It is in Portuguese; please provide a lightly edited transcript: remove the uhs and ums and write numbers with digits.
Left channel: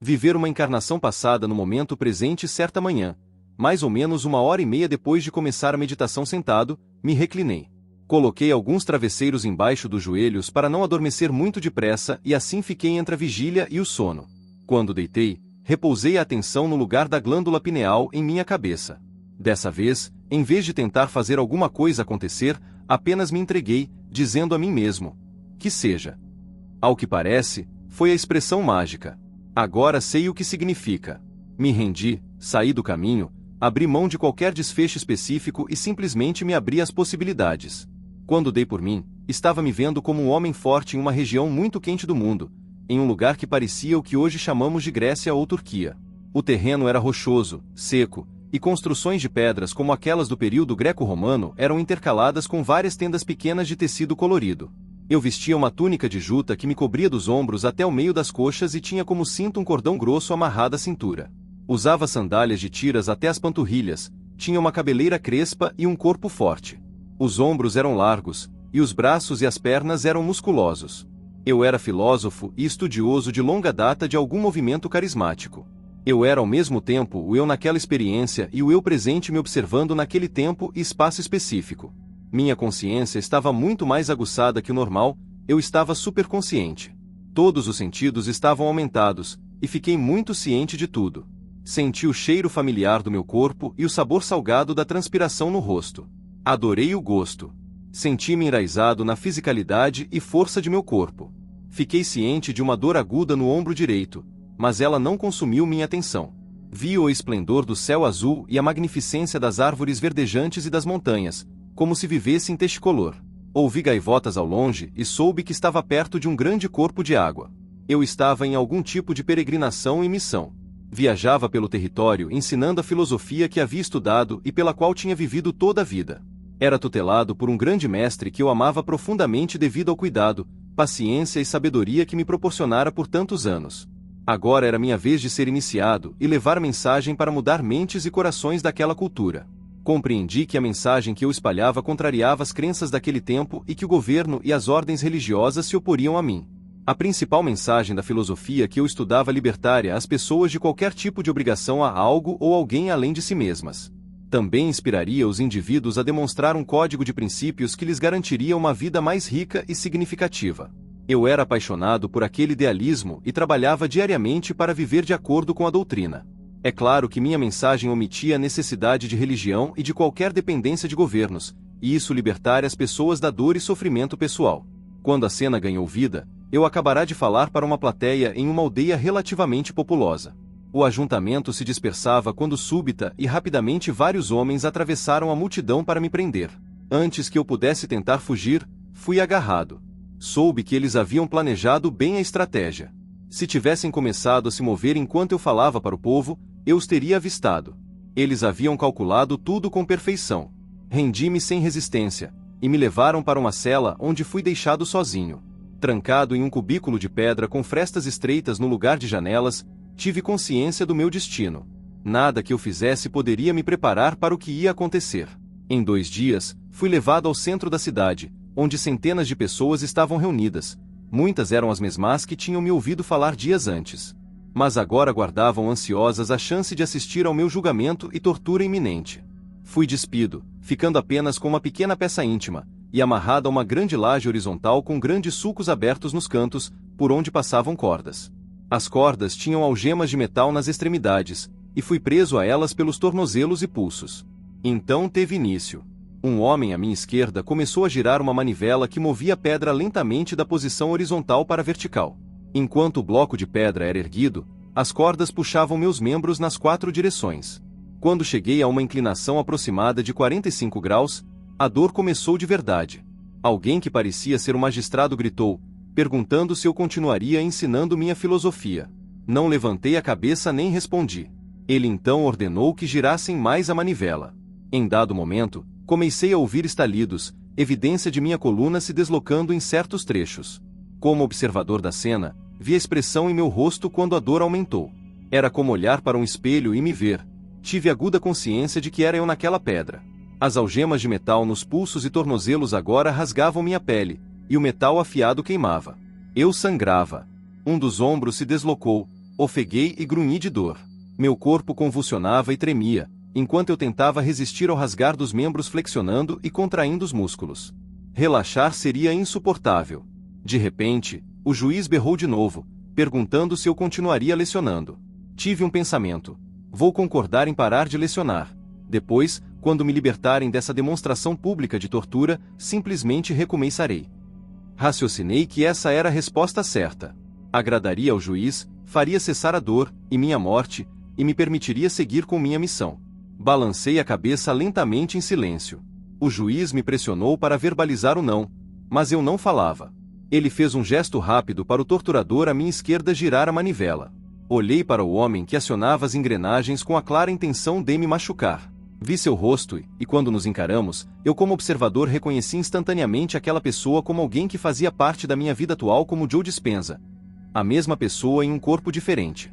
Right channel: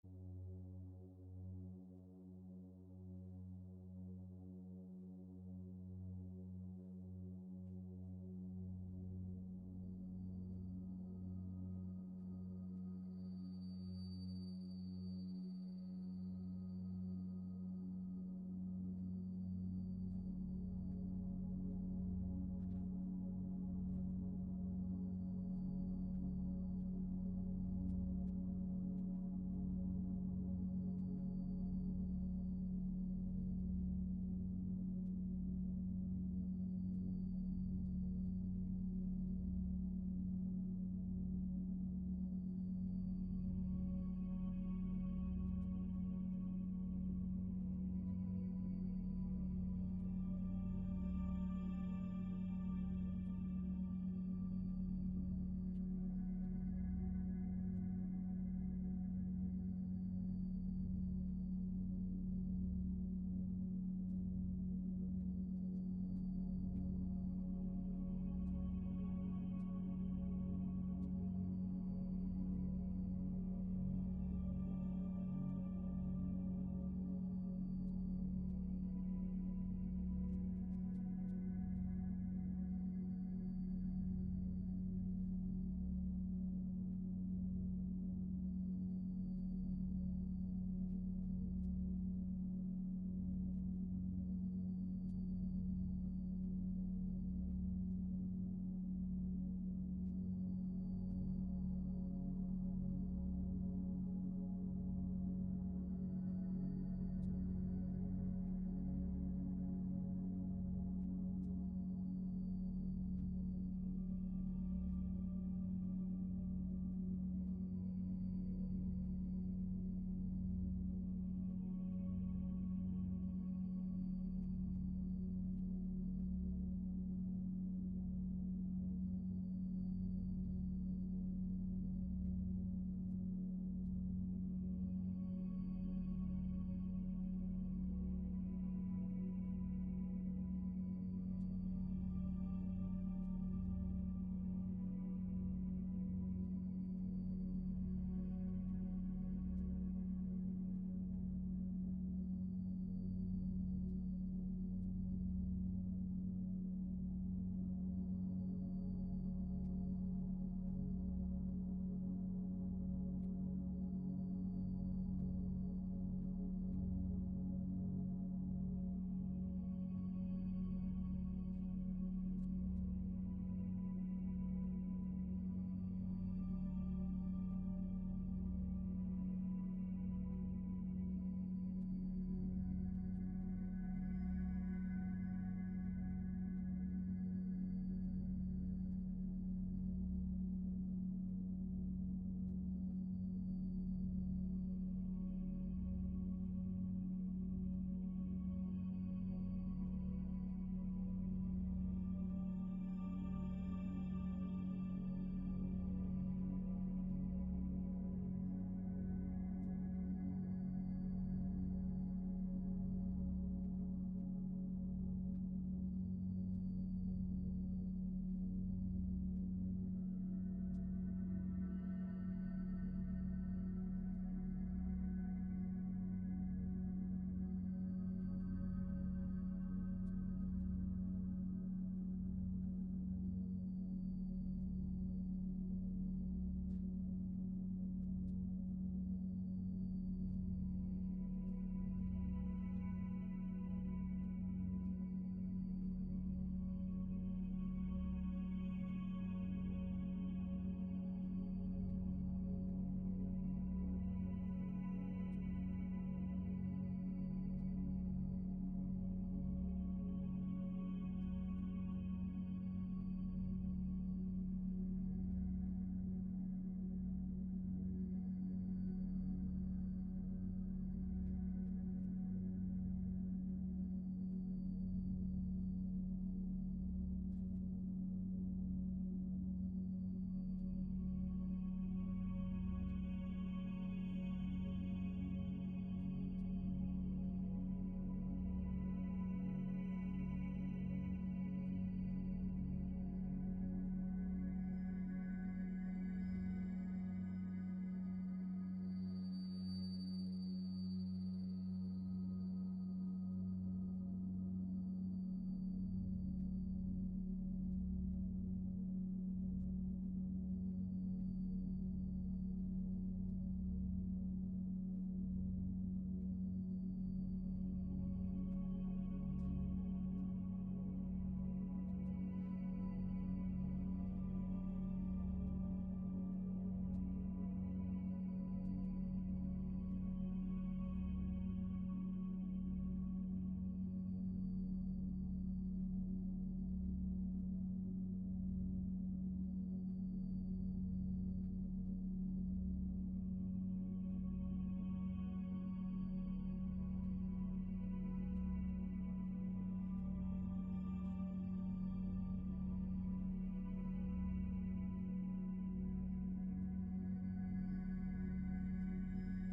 Viver uma encarnação passada no momento presente certa manhã. Mais ou menos 1h30 depois de começar a meditação sentado, me reclinei. Coloquei alguns travesseiros embaixo dos joelhos para não adormecer muito depressa e assim fiquei entre a vigília e o sono. Quando deitei, repousei a atenção no lugar da glândula pineal em minha cabeça. Dessa vez, em vez de tentar fazer alguma coisa acontecer, apenas me entreguei, dizendo a mim mesmo: que seja. Ao que parece, foi a expressão mágica. Agora sei o que significa. Me rendi, saí do caminho, abri mão de qualquer desfecho específico e simplesmente me abri às possibilidades. Quando dei por mim, estava me vendo como um homem forte em uma região muito quente do mundo, em um lugar que parecia o que hoje chamamos de Grécia ou Turquia. O terreno era rochoso, seco, e construções de pedras como aquelas do período greco-romano eram intercaladas com várias tendas pequenas de tecido colorido. Eu vestia uma túnica de juta que me cobria dos ombros até o meio das coxas e tinha como cinto um cordão grosso amarrado à cintura. Usava sandálias de tiras até as panturrilhas, tinha uma cabeleira crespa e um corpo forte. Os ombros eram largos, e os braços e as pernas eram musculosos. Eu era filósofo e estudioso de longa data de algum movimento carismático. Eu era ao mesmo tempo o eu naquela experiência e o eu presente me observando naquele tempo e espaço específico. Minha consciência estava muito mais aguçada que o normal, eu estava superconsciente. Todos os sentidos estavam aumentados, e fiquei muito ciente de tudo. Senti o cheiro familiar do meu corpo e o sabor salgado da transpiração no rosto. Adorei o gosto. Senti-me enraizado na fisicalidade e força de meu corpo. Fiquei ciente de uma dor aguda no ombro direito, mas ela não consumiu minha atenção. Vi o esplendor do céu azul e a magnificência das árvores verdejantes e das montanhas, como se vivesse em Technicolor. Ouvi gaivotas ao longe e soube que estava perto de um grande corpo de água. Eu estava em algum tipo de peregrinação e missão. Viajava pelo território ensinando a filosofia que havia estudado e pela qual tinha vivido toda a vida. Era tutelado por um grande mestre que eu amava profundamente devido ao cuidado, paciência e sabedoria que me proporcionara por tantos anos. Agora era minha vez de ser iniciado e levar mensagem para mudar mentes e corações daquela cultura. Compreendi que a mensagem que eu espalhava contrariava as crenças daquele tempo e que o governo e as ordens religiosas se oporiam a mim. A principal mensagem da filosofia que eu estudava libertaria as pessoas de qualquer tipo de obrigação a algo ou alguém além de si mesmas. Também inspiraria os indivíduos a demonstrar um código de princípios que lhes garantiria uma vida mais rica e significativa. Eu era apaixonado por aquele idealismo e trabalhava diariamente para viver de acordo com a doutrina. É claro que minha mensagem omitia a necessidade de religião e de qualquer dependência de governos, e isso libertaria as pessoas da dor e sofrimento pessoal. Quando a cena ganhou vida, eu acabará de falar para uma plateia em uma aldeia relativamente populosa. O ajuntamento se dispersava quando súbita e rapidamente vários homens atravessaram a multidão para me prender. Antes que eu pudesse tentar fugir, fui agarrado. Soube que eles haviam planejado bem a estratégia. Se tivessem começado a se mover enquanto eu falava para o povo, eu os teria avistado. Eles haviam calculado tudo com perfeição. Rendi-me sem resistência, e me levaram para uma cela onde fui deixado sozinho. Trancado em um cubículo de pedra com frestas estreitas no lugar de janelas, tive consciência do meu destino. Nada que eu fizesse poderia me preparar para o que ia acontecer. Em 2 dias, fui levado ao centro da cidade, onde centenas de pessoas estavam reunidas. Muitas eram as mesmas que tinham me ouvido falar dias antes. Mas agora aguardavam ansiosas a chance de assistir ao meu julgamento e tortura iminente. Fui despido, ficando apenas com uma pequena peça íntima, e amarrado a uma grande laje horizontal com grandes sulcos abertos nos cantos, por onde passavam cordas. As cordas tinham algemas de metal nas extremidades, e fui preso a elas pelos tornozelos e pulsos. Então teve início. Um homem à minha esquerda começou a girar uma manivela que movia a pedra lentamente da posição horizontal para a vertical. Enquanto o bloco de pedra era erguido, as cordas puxavam meus membros nas 4 direções. Quando cheguei a uma inclinação aproximada de 45 graus, a dor começou de verdade. Alguém que parecia ser um magistrado gritou, perguntando se eu continuaria ensinando minha filosofia. Não levantei a cabeça nem respondi. Ele então ordenou que girassem mais a manivela. Em dado momento, comecei a ouvir estalidos, evidência de minha coluna se deslocando em certos trechos. Como observador da cena, vi a expressão em meu rosto quando a dor aumentou. Era como olhar para um espelho e me ver. Tive aguda consciência de que era eu naquela pedra. As algemas de metal nos pulsos e tornozelos agora rasgavam minha pele, e o metal afiado queimava. Eu sangrava. Um dos ombros se deslocou, Ofeguei e grunhi de dor. Meu corpo convulsionava e tremia, enquanto eu tentava resistir ao rasgar dos membros flexionando e contraindo os músculos. Relaxar seria insuportável. De repente, o juiz berrou de novo, perguntando se eu continuaria lecionando. Tive um pensamento. Vou concordar em parar de lecionar. Depois, quando me libertarem dessa demonstração pública de tortura, simplesmente recomeçarei. Raciocinei que essa era a resposta certa. Agradaria ao juiz, faria cessar a dor e minha morte, e me permitiria seguir com minha missão. Balancei a cabeça lentamente em silêncio. O juiz me pressionou para verbalizar o não, mas eu não falava. Ele fez um gesto rápido para o torturador à minha esquerda girar a manivela. Olhei para o homem que acionava as engrenagens com a clara intenção de me machucar. Vi seu rosto e, quando nos encaramos, eu como observador reconheci instantaneamente aquela pessoa como alguém que fazia parte da minha vida atual como Joe Dispenza. A mesma pessoa em um corpo diferente.